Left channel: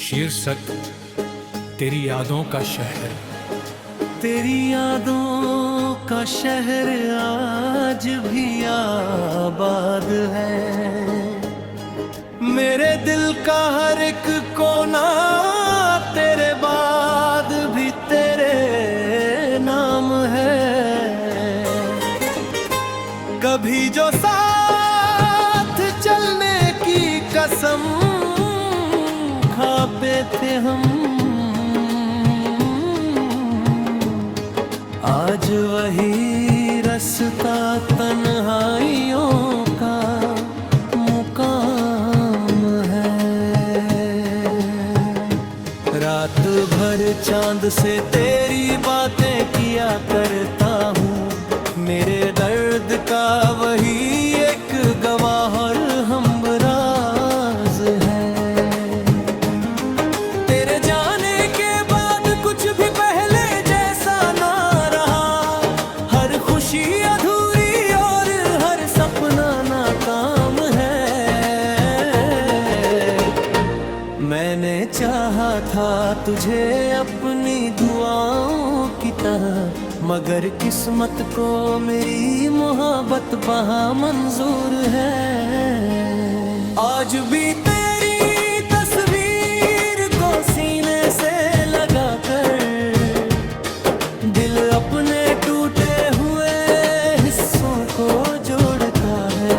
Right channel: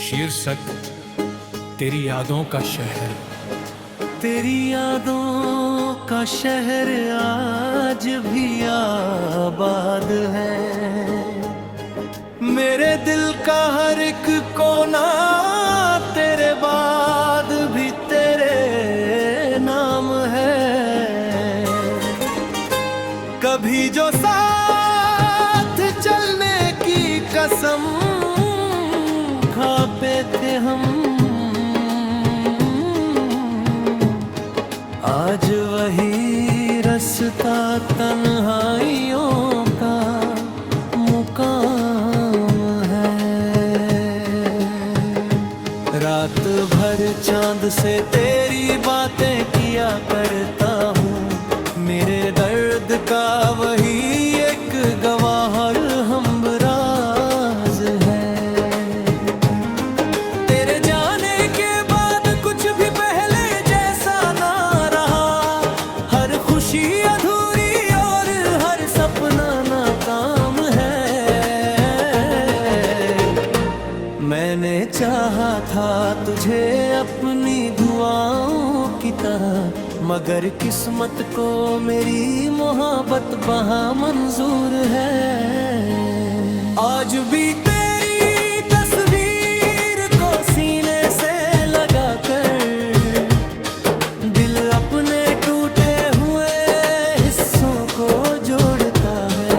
शीर्षक तेरी यादों का शहर। तेरी यादों का शहर आज भी आबाद है। मेरे दिल का हर एक कोना तेरे बाद भी तेरे नाम है। कभी जो साथ चलने की कसम खाते थे हम, आज वही रास्ता तन्हाइयों का मुकाम है। रात भर चांद से तेरी बातें किया करता हूँ, मेरे दर्द का वही एक गवाह और हमराज है। तेरे जाने के बाद कुछ भी पहले जैसा ना रहा, हर खुशी अधूरी और हर सपना नाकाम है। मैंने चाहा था तुझे अपनी दुआओं की तरह, मगर किस्मत को मेरी मोहब्बत वहाँ मंजूर है। आज भी तेरी तस्वीर को सीने से लगा कर दिल अपने टूटे हुए हिस्सों को जोड़ता है।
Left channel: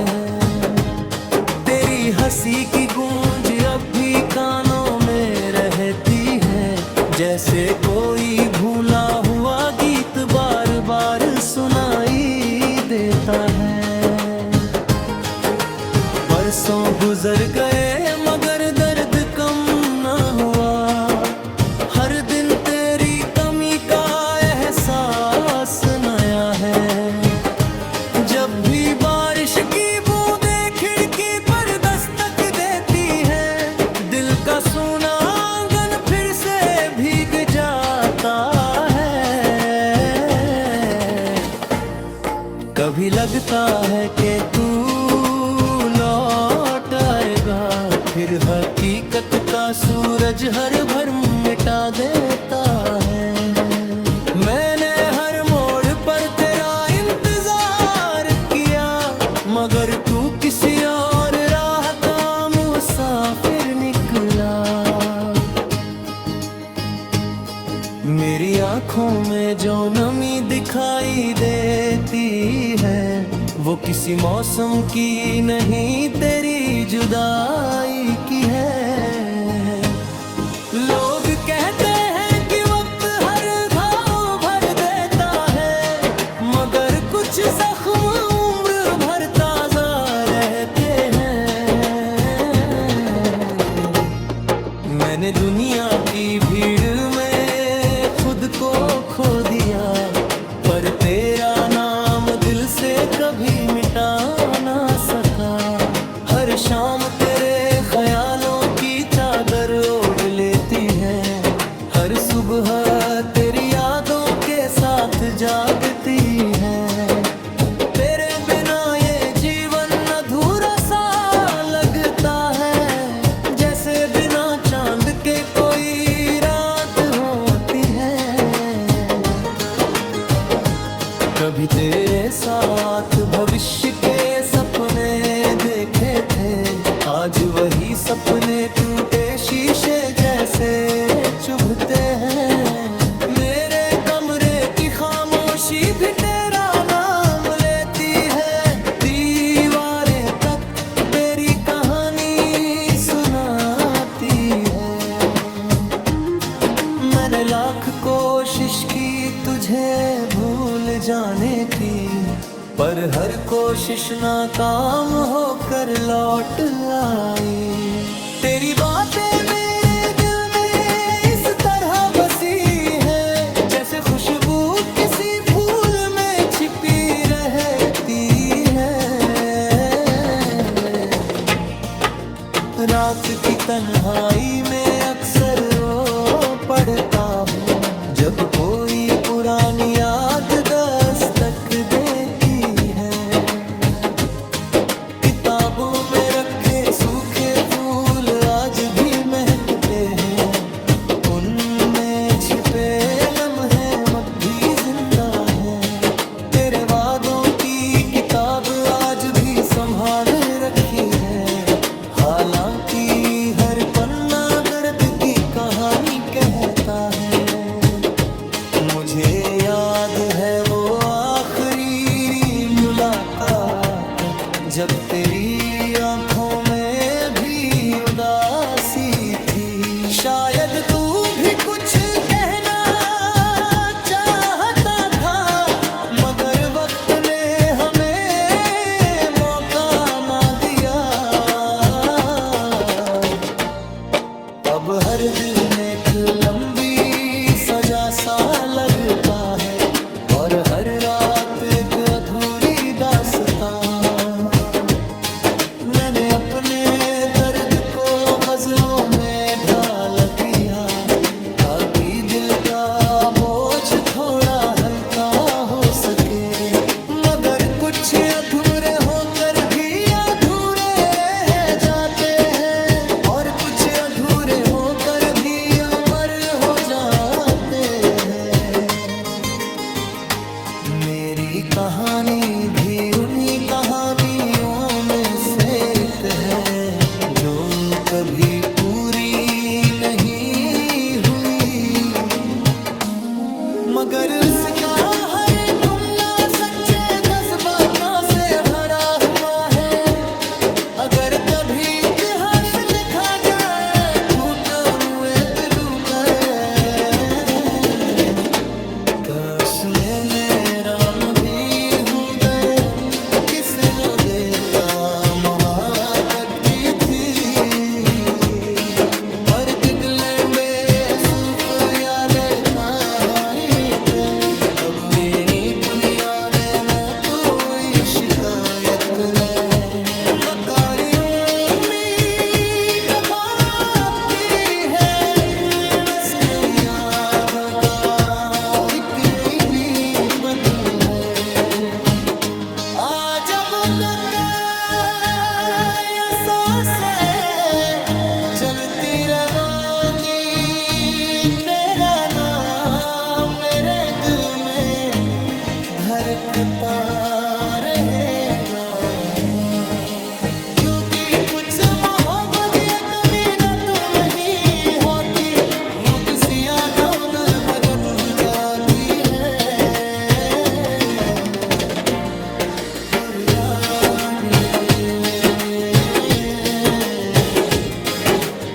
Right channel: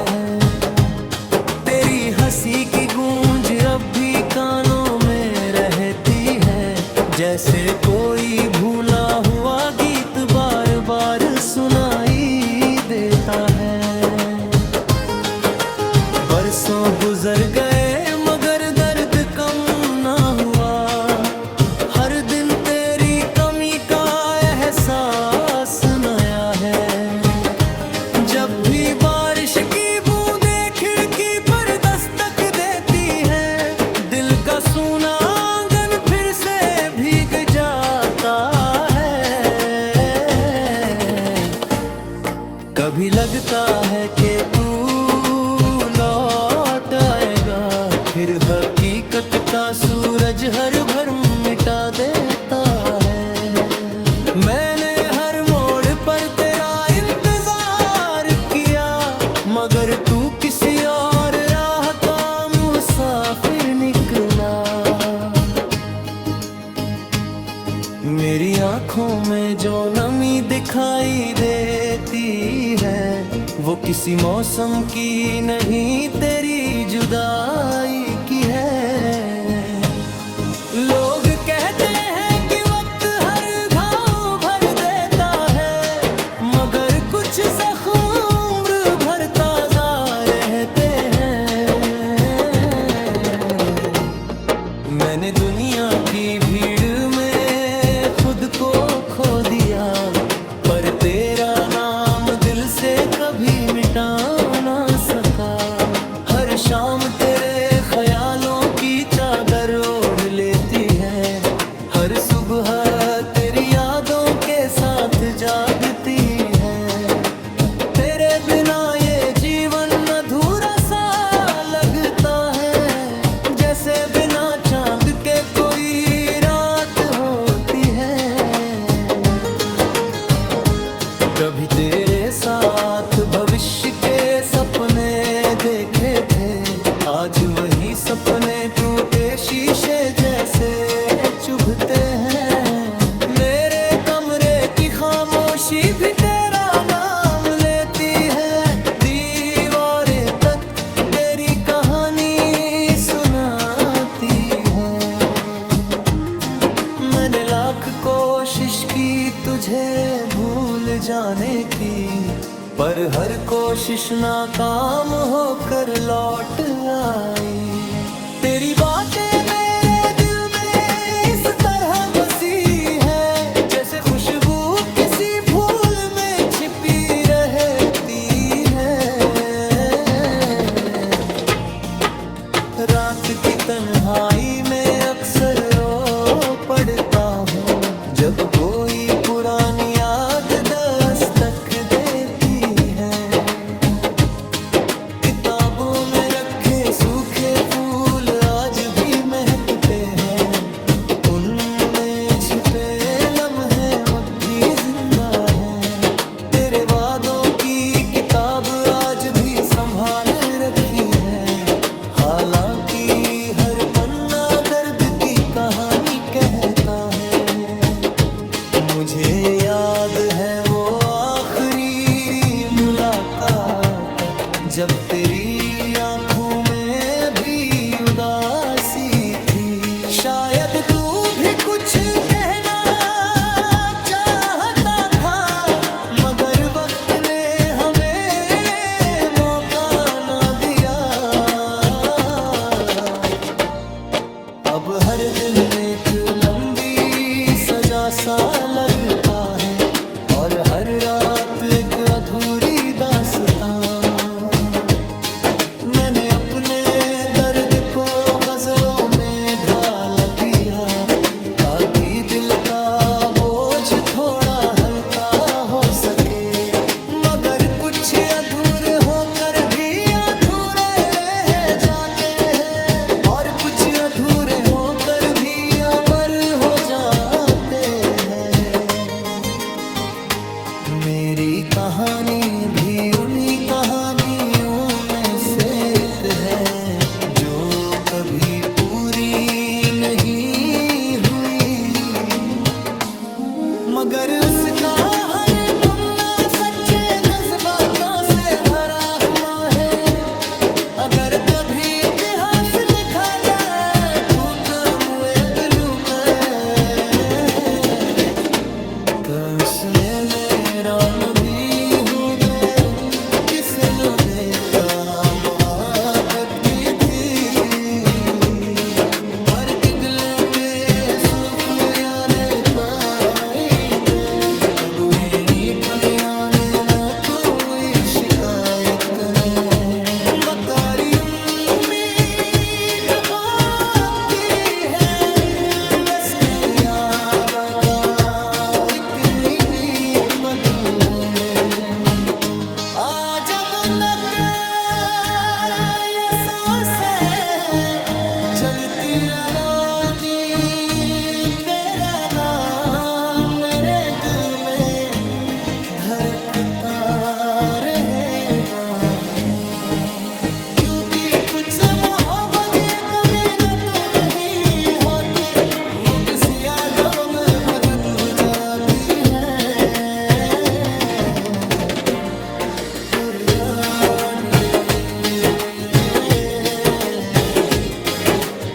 तेरी हंसी की गूंज अब भी कानों में रहती है, जैसे कोई भूला हुआ गीत बार बार सुनाई देता है। बरसों गुजर गए मगर दर्द कम ना हुआ, हर दिन तेरी कमी का एहसास नया है। जब भी बारिश की बूंदें खिड़की पर दस्तक देती है, दिल का सूना आंगन फिर से भीग जाता है। कभी लगता है कि तू लौट आएगा, फिर हकीकत का सूरज हर भर मिटा देता है। मैंने हर मोड़ पर तेरा इंतजार किया, मगर तू किसी और राह का मुसाफिर निकला। मेरी आंखों में जो नमी दिखाई देती है, वो किसी मौसम की नहीं तेरी जुदाई की है। लोग कहते हैं कि वक्त हर घाव भर देता है, मगर कुछ जख्म उम्र भर ताजा रहते हैं। मैंने दुनिया की भीड़ में खुद को खो दिया, पर तेरा नाम दिल से कभी मिटा ना सका। हर शाम तेरे ख्यालों की चादर ओढ़ लेती है, हर सुबह तेरी यादों के साथ जागती है। तेरे बिना ये जीवन अधूरा सा लगता है, जैसे बिना चांद के कोई रात होती है। कभी तेरे साथ भविष्य के सपने देखे थे, आज वही सपने टूटे शीशे जैसे चुभते हैं। मेरे कमरे की खामोशी भी तेरा नाम लेती है, दीवारें तक तेरी कहानी सुनाती है। मैंने लाख कोशिश की तुझे भूल जाने की, पर हर कोशिश नाकाम होकर लौट आई। तेरी बातें मेरे दिल में इस तरह बसी है, जैसे खुशबू किसी फूल में छिपी रहती है। रात की तन्हाई में अक्सर रो पड़ता हूँ, जब कोई पुरानी याद दस्तक देती है। किताबों में रखे सूखे फूल आज आज भी महकते हैं, उनमें छिपे लम्हे अब भी जिंदा हैं। तेरे वादों की किताब आज भी संभाल रखी है, हालांकि हर पन्ना दर्द की कहानी कहता है। मुझे याद है वो आखिरी मुलाकात, जब तेरी आंखों में भी उदासी थी। शायद तू भी कुछ कहना चाहता था, मगर वक्त ने हमें मौका ना दिया। अब हर दिन एक लंबी सजा सा लगता है, और हर रात एक अधूरी दास्तां। मैंने अपने दर्द को गजलों में ढाल दिया, ताकि दिल का बोझ थोड़ा हल्का हो सके। मगर कुछ अधूरे होकर भी अधूरे रह जाते हैं, और कुछ अधूरे होकर भी अमर हो जाते हैं। मेरी कहानी भी उन्हीं कहानियों में से एक है, जो कभी पूरी नहीं हुई। मगर उसका हर पन्ना सच्चे जज्बातों से भरा हुआ है। अगर कभी इतिहास लिखा जाए झूठ मुए पिलू पर, उसमें ने राम भी हो गए, किसे नो देखता महाकती थी। पर किगले बेसुख यादे पाई थे, अब ऋणी पुनिया में न कोई शिकायत नहीं। बकारी उम्मीद होती है, बस याद का एक नीली बदल है। आज अब नक ये सांसें चलती रहोगी, तेरा नाम मेरे दिल में धड़कता रहेगा। क्योंकि कुछ मोहब्बत ये कभी न तुम ही होती, वो किसी यादों में भगन जाती है। और यादें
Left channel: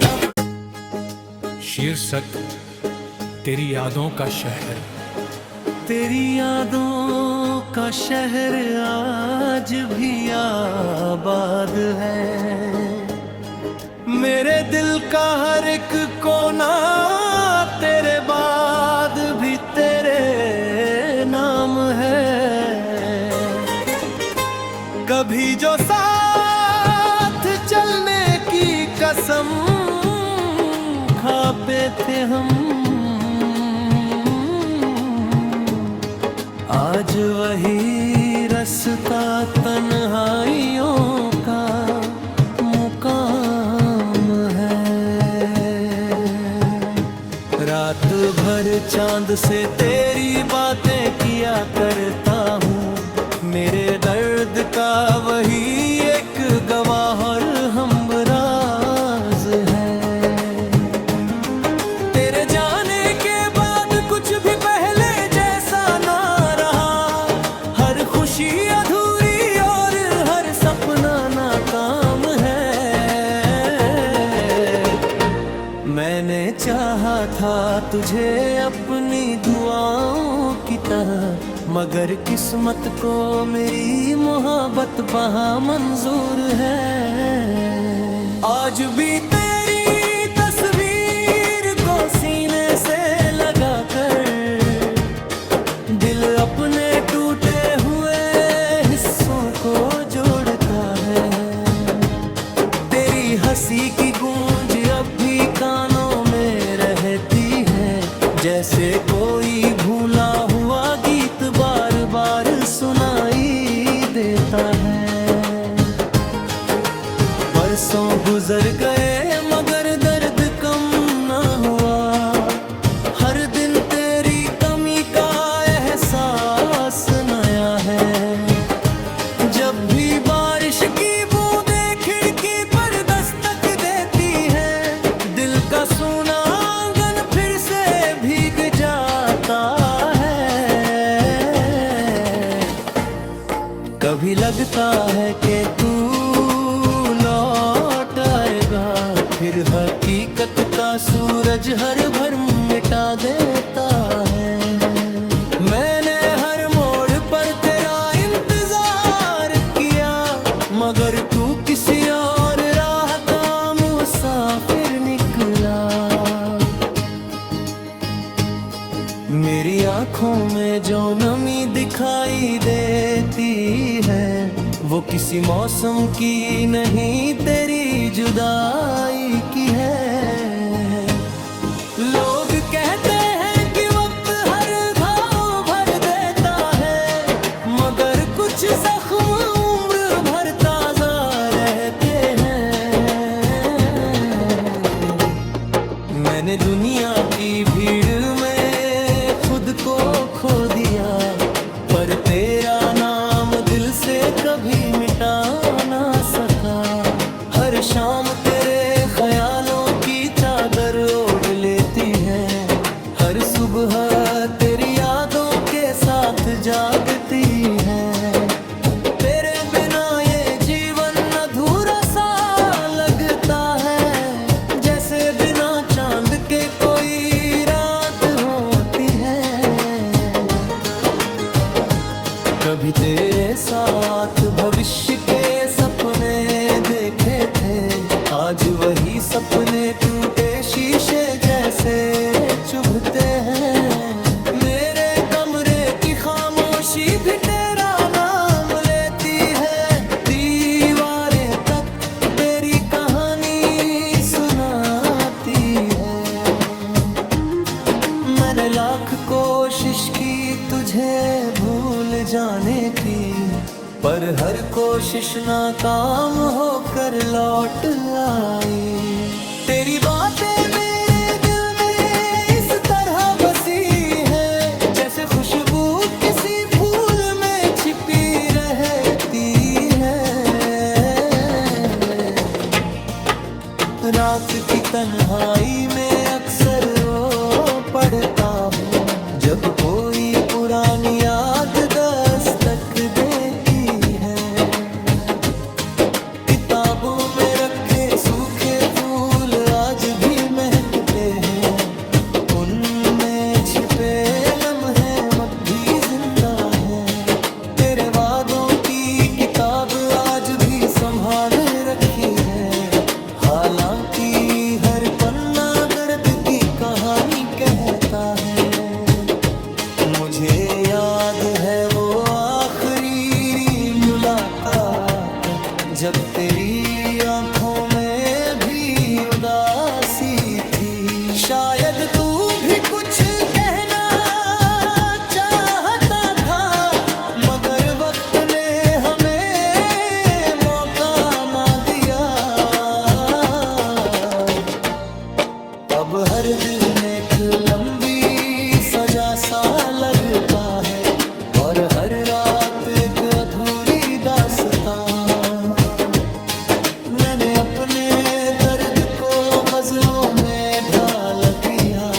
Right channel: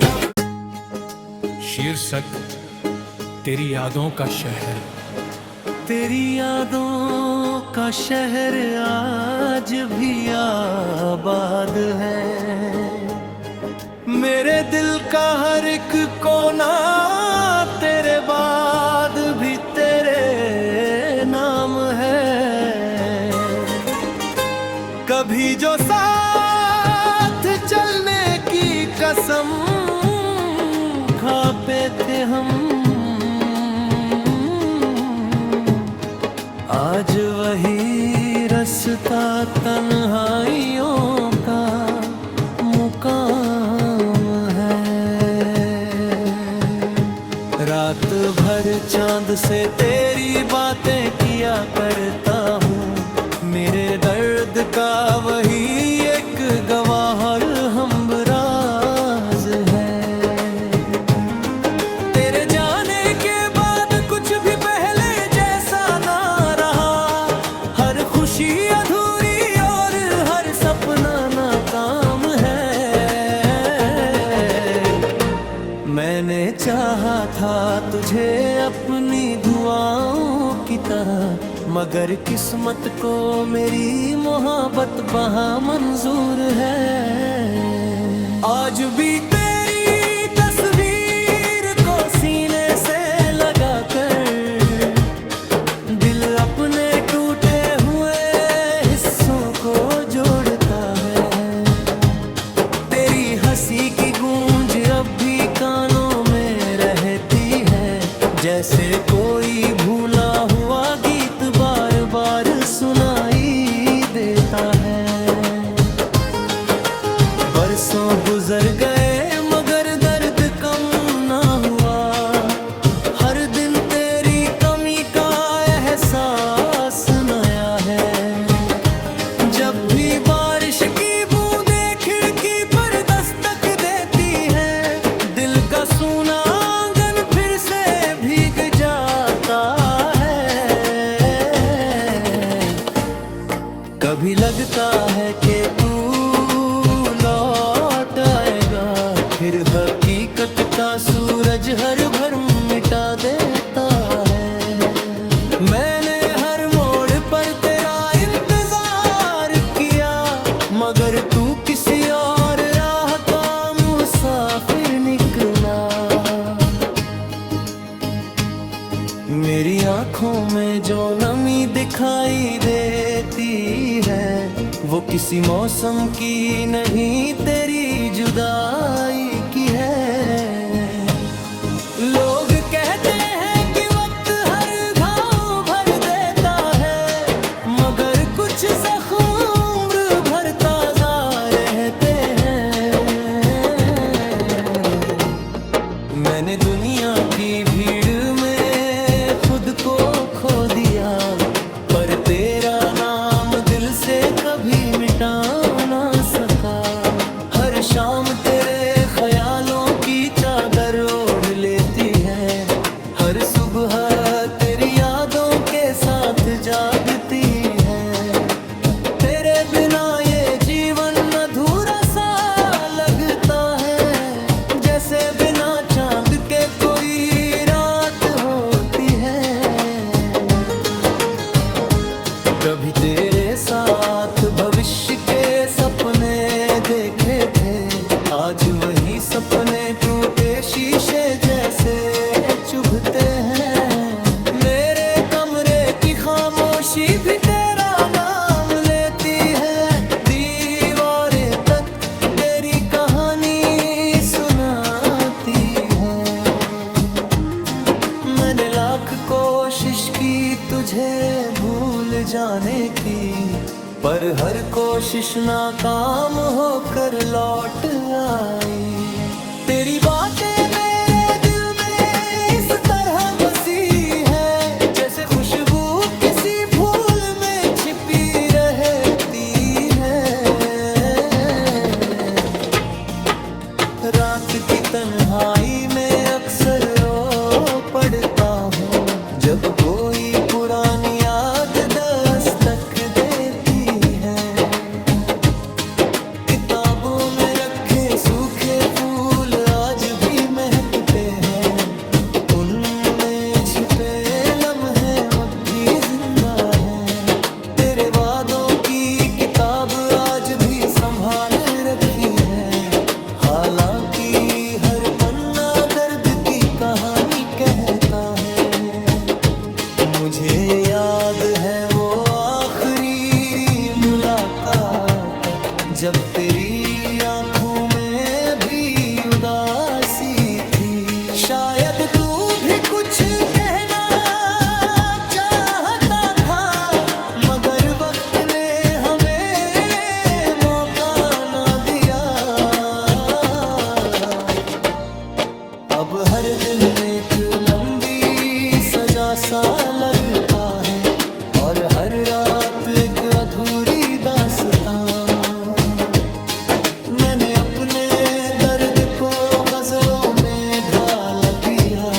अब शीर्षक तेरी यादों का शहर। तेरी यादों का शहर आज भी आबाद है। मेरे दिल का हर एक कोना तेरे बाद भी तेरे नाम है। कभी जो साथ चलने की कसम खाते थे हम, आज वही रास्ता तन्हाइयों का मुकाम है। रात भर चांद से तेरी बातें किया करता हूँ, मेरे दर्द का वही एक गवाह और हमराज है। तेरे जाने के बाद कुछ भी पहले जैसा ना रहा, हर खुशी अधूरी और हर सपना नाकाम है। मैंने चाहा था तुझे अपनी दुआओं की तरह, मगर किस्मत को मेरी मोहब्बत वहाँ मंजूर है। आज भी तेरी तस्वीर को सीने से लगा कर, दिल अपने टूटे हुए हिस्सों को जोड़ता है। तेरी हंसी की गूंज अब भी कानों में रहती है, जैसे कोई भूला हुआ गीत बार बार सुनाई देता है। बरसों गुजर गए मगर सूना आंगन फिर से भीग जाता है। कभी लगता है कि तू लौट आएगा, फिर हकीकत का सूरज हर भर मिटा देता है। मैंने हर मोड़ पर तेरा इंतजार किया, मगर तू किसी और राह का मुसाफिर निकला। मेरी आंखों में जो नमी दिखाई देती है, वो किसी मौसम की नहीं तेरी जुदाई की है। लोग कहते हैं कि वक्त हर घाव भर देता है, मगर कुछ जख्म उम्र भर ताजा रहते हैं। मैंने दुनिया की भीड़ में खुद को खो दिया, पर तेरा नाम दिल से कभी मिटा ना सका। हर शाम तेरे ख्यालों की चादर ओढ़ लेती है, हर सुबह तेरी यादों के साथ जागती है। तेरे बिना ये जीवन अधूरा सा लगता है, जैसे बिना चांद के कोई रात होती है। कभी तेरे साथ भविष्य के सपने देखे थे, आज वही सपने टूटे शीशे जैसे चुभते हैं। मेरे कमरे की खामोशी भी तेरा नाम लेती है, दीवारें तक तेरी कहानी सुनाती है। मैंने लाख कोशिश की तुझे भूल जाने की, पर हर कोशिश नाकाम होकर लौट आई। तेरी बातें मेरे दिल में इस तरह बसी है, जैसे खुशबू किसी फूल में छिपी रहती है। रात की तन्हाई में अक्सर रो पड़ता हूँ, जब कोई पुरानी याद दस्तक देती है। किताबों में रखे सूखे फूल आज भी महकते हैं, उनमें छिपे लम्हे अब भी जिंदा हैं। तेरे वादों की किताब आज भी संभाल रखी है, हालांकि हर पन्ना दर्द की कहानी कहता है। मुझे याद है वो आखिरी मुलाकात, जब तेरी आंखों में भी उदासी थी। शायद तू भी कुछ कहना चाहता था, मगर वक्त ने हमें मौका ना दिया। अब हर दिन एक लंबी सजा सा लगता है, और हर रात एक अधूरी दास्तां। मैंने अपने दर्द को गजलों में ढाल दिया,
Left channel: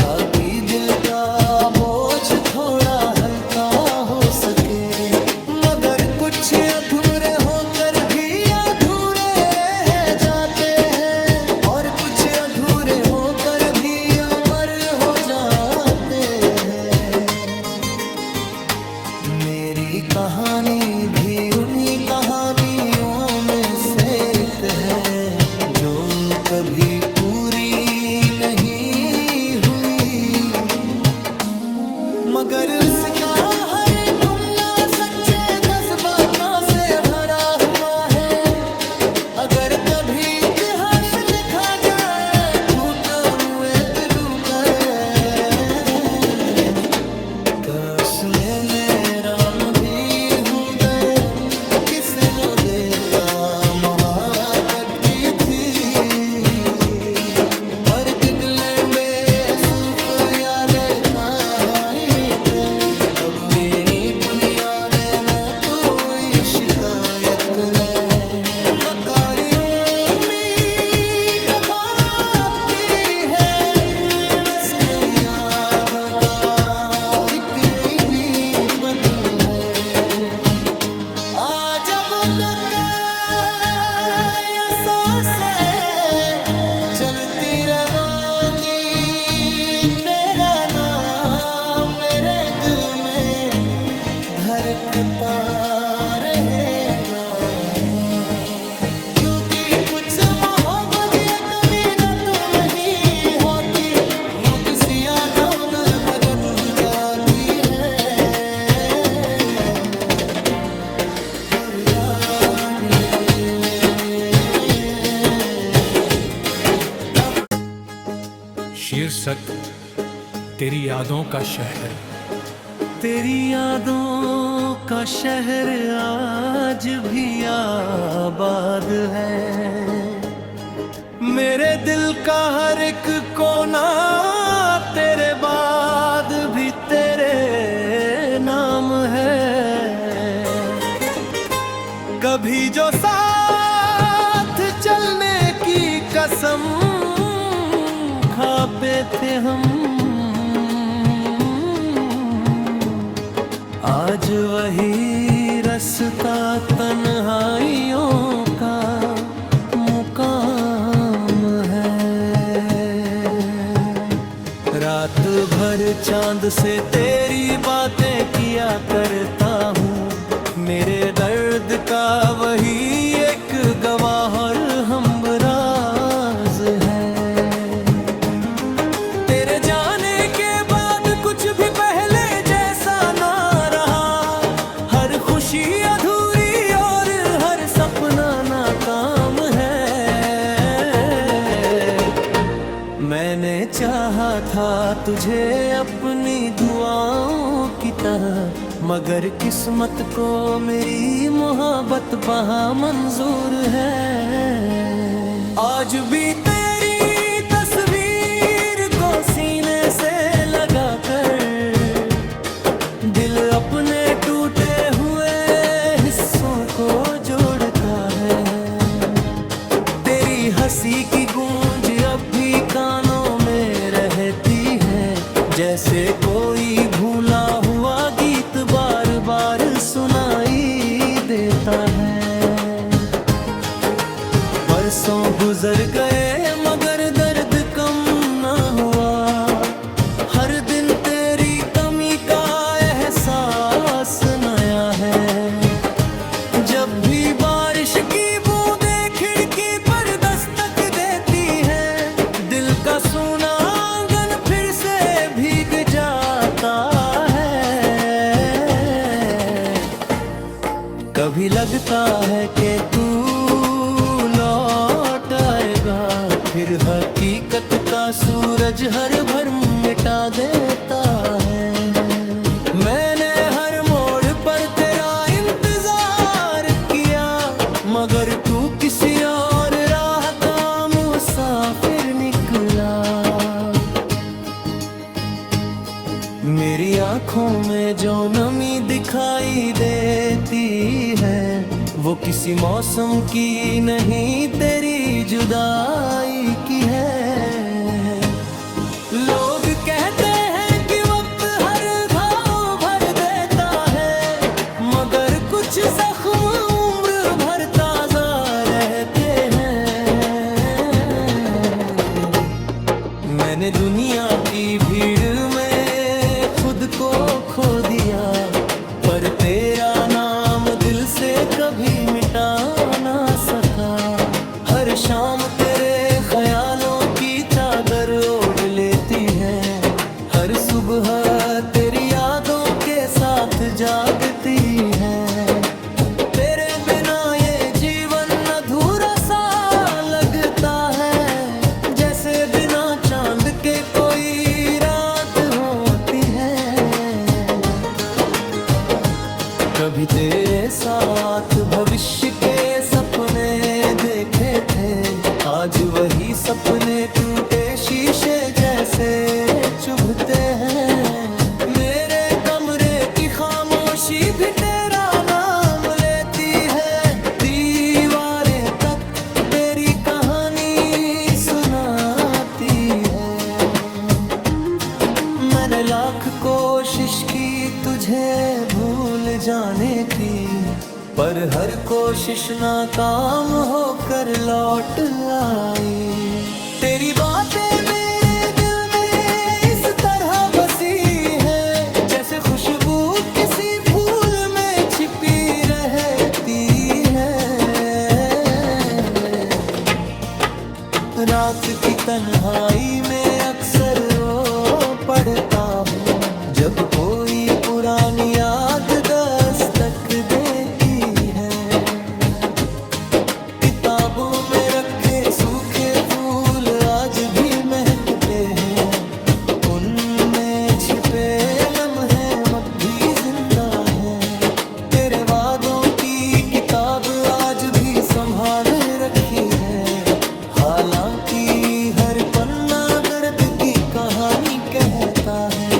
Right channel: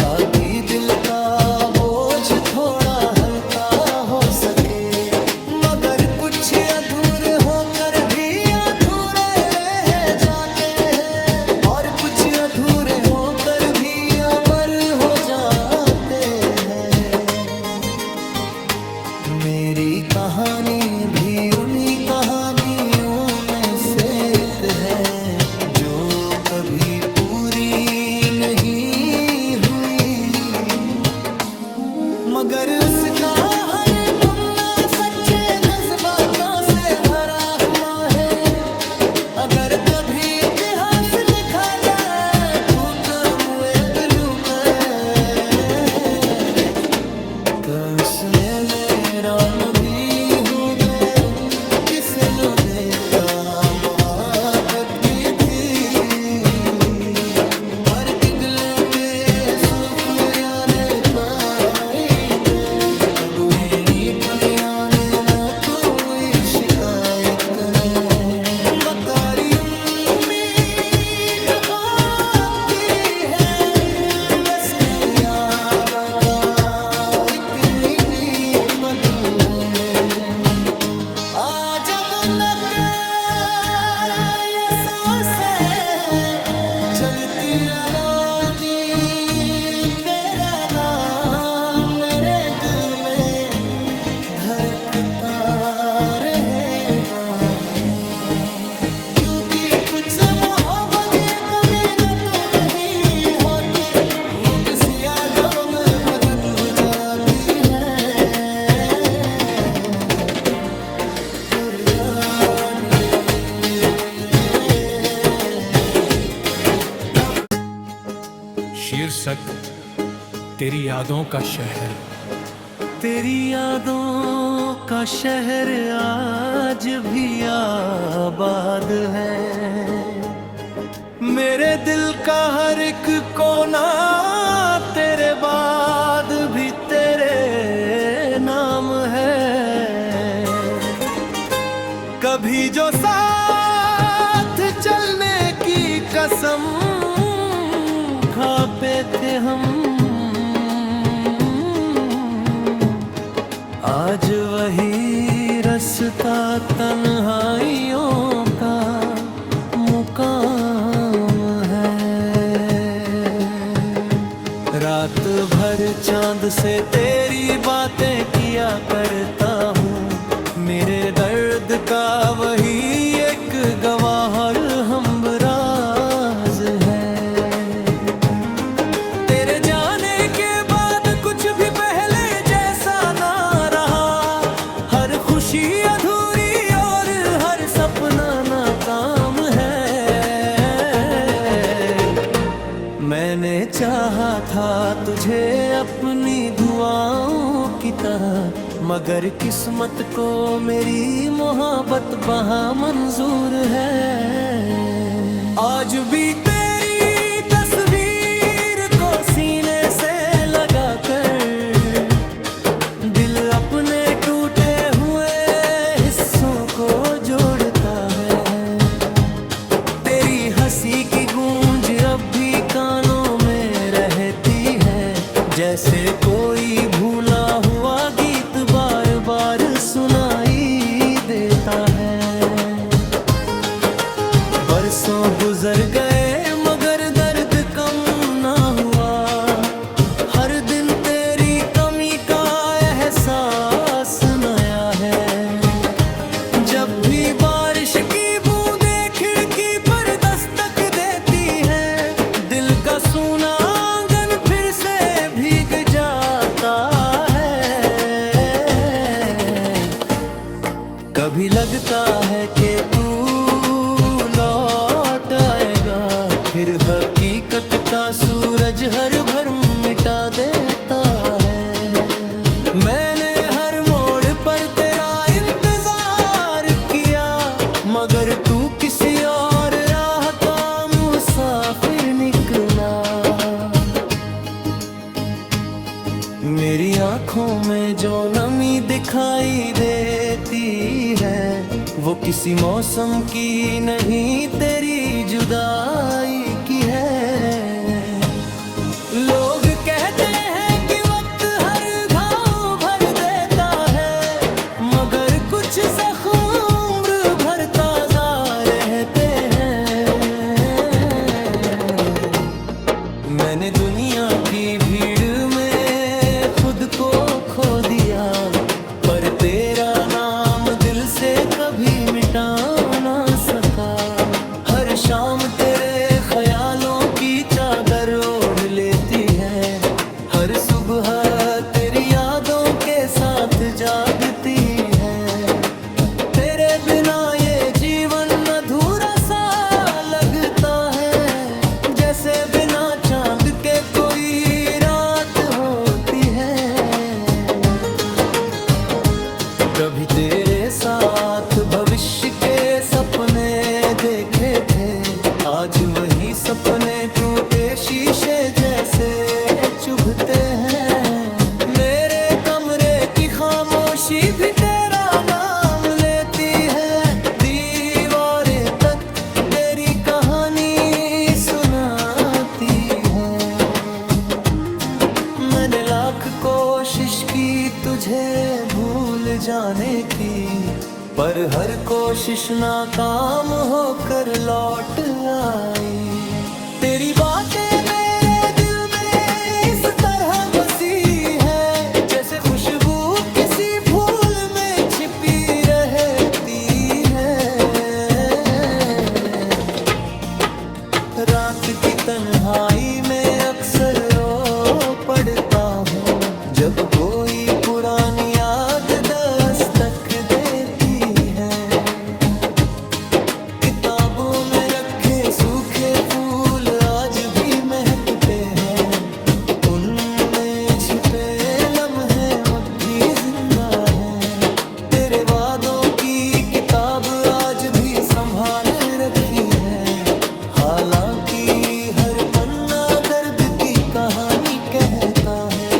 ताकि दिल का बोझ थोड़ा हल्का हो सके। मगर कुछ अधूरे होकर भी अधूरे रह जाते हैं, और कुछ अधूरे होकर भी अमर हो जाते हैं। मेरी कहानी भी उन्हीं कहानियों में से एक है, जो कभी पूरी नहीं हुई। मगर उसका हर पन्ना सच्चे जज्बातों से भरा हुआ है। अगर कभी इतिहास लिखा जाए झूठ मुए पिलू पर, तो उसमें मेरा भी हो गए। किसे नो देखा महाकत की थी, पर किगले बेसुख यादे पाई थे। अब ऋणी पुनिया में न कोई शिकायत ने बकारी जलती रलोनी तेरा नाम मेरे दिल में धड़कता रहेगा, क्योंकि कुछ मोहब्बत ये कभी न तुम ही होती, वो किसी यादों में भगन जाती है और जागे। शीर्षक तेरी यादों का शहर। तेरी यादों का शहर आज भी आबाद है, मेरे दिल का हर एक कोना तेरे बाद भी तेरे नाम है। कभी जो साथ चलने की कसम खाते थे हम, आज वही रास्ता तन्हाइयों का मुकाम है। रात भर चांद से तेरी बातें किया करता हूँ, मेरे दर्द का वही एक गवाह और हमराज है। तेरे जाने के बाद कुछ भी पहले जैसा ना रहा, हर खुशी अधूरी और हर सपना नाकाम है। मैंने चाहा था तुझे अपनी दुआओं की तरह, मगर किस्मत को मेरी मोहब्बत वहाँ मंजूर है। आज भी तेरी तस्वीर को सीने से लगा कर दिल अपने टूटे हुए हिस्सों को जोड़ता है। तेरी हंसी की गूंज अब भी कानों में रहती है, जैसे कोई भूला हुआ गीत बार बार सुनाई देता है। बरसों गुजर गए मगर दर्द कम ना हुआ, हर दिन तेरी कमी का एहसास नया है। जब भी बारिश की बूंदें खिड़की पर दस्तक देती है, दिल का सूना आंगन फिर से भीग जाता है। कभी लगता है कि तू लौट आएगा, फिर हकीकत का सूरज हर भर मिटा देता है। मैंने हर मोड़ पर तेरा इंतजार किया, मगर तू किसी और राह का मुसाफिर निकला। मेरी आंखों में जो नमी दिखाई देती है, वो किसी मौसम की नहीं तेरी जुदाई की है। लोग कहते हैं कि वक्त हर घाव भर देता है, मगर कुछ जख्म उम्र भर ताजा रहते हैं। मैंने दुनिया की भीड़ में खुद को खो दिया, पर तेरा नाम दिल से कभी मिटा ना सका। हर शाम तेरे ख्यालों की चादर ओढ़ लेती है, हर सुबह तेरी यादों के साथ जागती है। तेरे बिना ये जीवन अधूरा सा लगता है, जैसे बिना चांद के कोई रात होती है। कभी तेरे साथ भविष्य के सपने देखे थे, आज वही सपने टूटे शीशे जैसे चुभते हैं। मेरे कमरे की खामोशी भी तेरा नाम लेती है, दीवारें तक तेरी कहानी सुनाती है। मैंने लाख कोशिश की तुझे भूल जाने की, पर हर कोशिश नाकाम होकर लौट आई। तेरी तन्हाई में अक्सर रो पड़ता हूँ जब कोई पुरानी याद दस्तक देती है। किताबों में रखे सूखे फूल आज भी महकते हैं, उनमें छिपे लम्हे अब भी जिंदा हैं। तेरे वादों की किताब आज भी संभाल रखी है, हालांकि हर पन्ना दर्द की कहानी कहता है।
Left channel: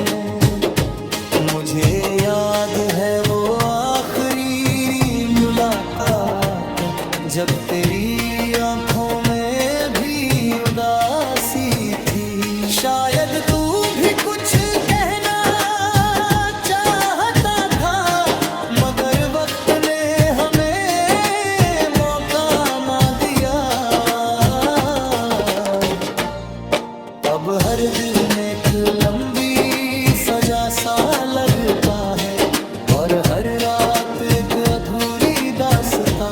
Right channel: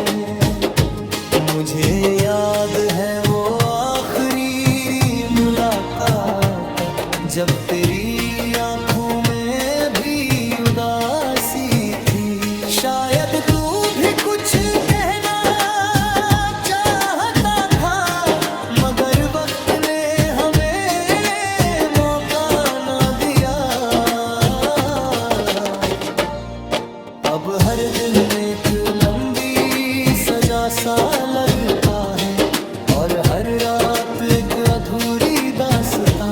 मुझे याद है वो आखिरी मुलाकात जब तेरी आंखों में भी उदासी थी। शायद तू भी कुछ कहना चाहता था, मगर वक्त ने हमें मौका ना दिया। अब हर दिन एक लंबी सजा सा लगता है और हर रात एक अधूरी दास्तां।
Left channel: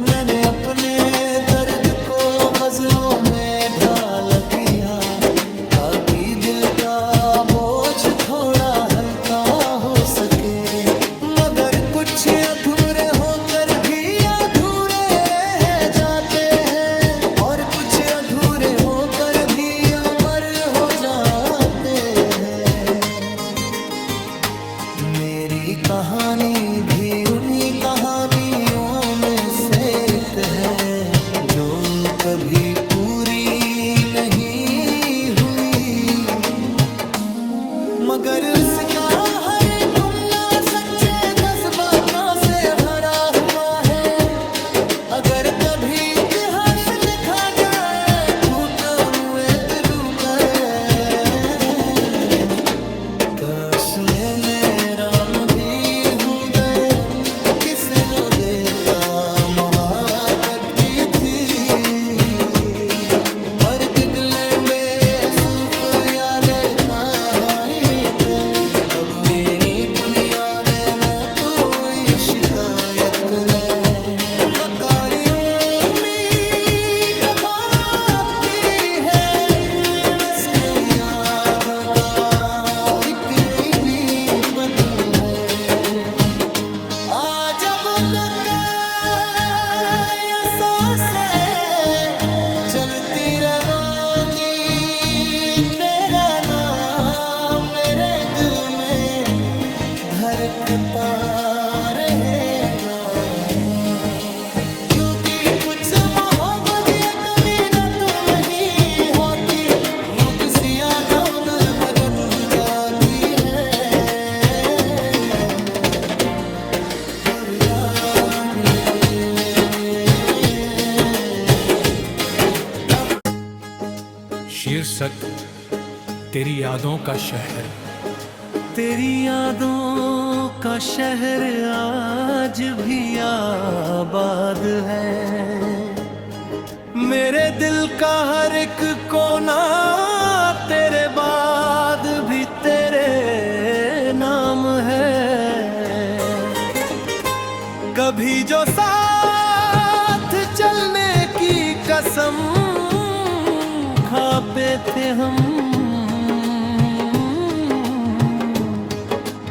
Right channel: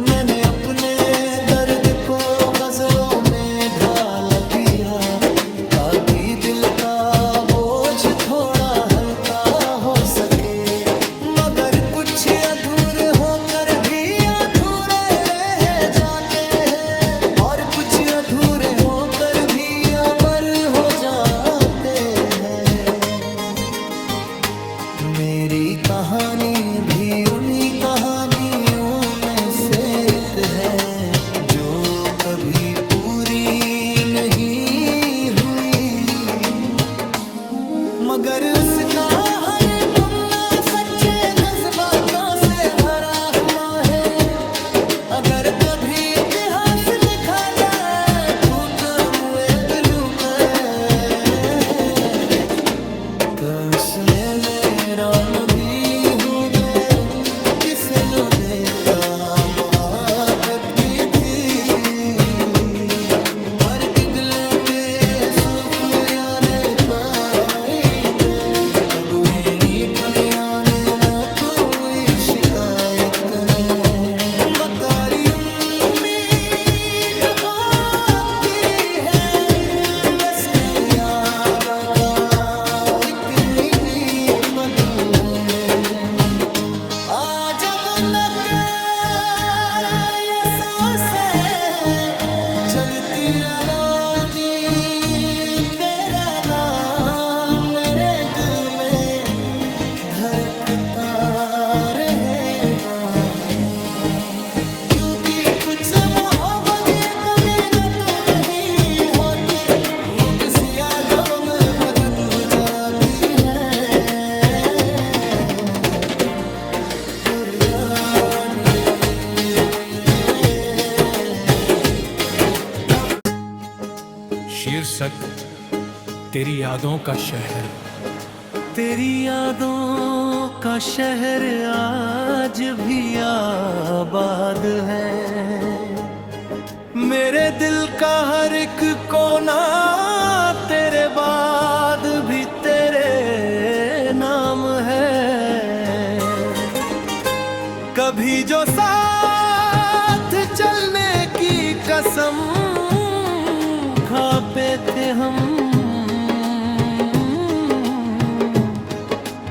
मैंने अपने दर्द को गजलों में ढाल दिया ताकि दिल का बोझ थोड़ा हल्का हो सके, मगर कुछ अधूरे होकर भी अधूरे रह जाते हैं और कुछ अधूरे होकर भी अमर हो जाते हैं। मेरी कहानी भी उन्हीं कहानियों में से एक है जो कभी पूरी नहीं हुई, मगर उसका हर पन्ना सच्चे जज्बातों से भरा हुआ है। अगर कभी इतिहास लिखा जाए झूठ मुए पिलू पर, तो उसमें मेरा भी हो गए किसे नो देखा महाकत भी थी। पर किगले बेसुख यादें पाई थे, अब नी पुनिया में न कोई शिकायत नहीं। बकारी उम्मीद होती है बस याद का एक नीली बदल है। आज अब ये सांसें चलती रहोगी, तेरा नाम मेरे दिल में धड़कता रहेगा, क्योंकि कुछ मोहब्बत ये कभी न तुम ही होती, वो किसी यादों में भगन जाती है। और यादें अब शीर्षक तेरी यादों का शहर। तेरी यादों का शहर आज भी आबाद है, मेरे दिल का हर एक कोना तेरे बाद भी तेरे नाम है। कभी जो साथ चलने की कसम खाते थे हम,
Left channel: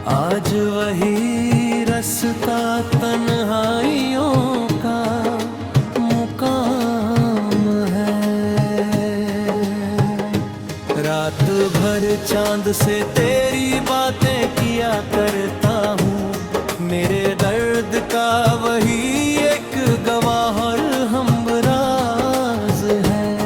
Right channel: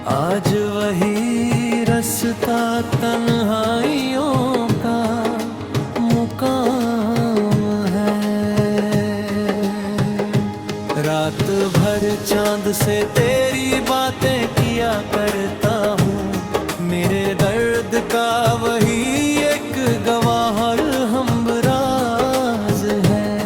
आज वही रास्ता तन्हाइयों का मुकाम है। रात भर चांद से तेरी बातें किया करता हूँ, मेरे दर्द का वही एक गवाह और हमराज है।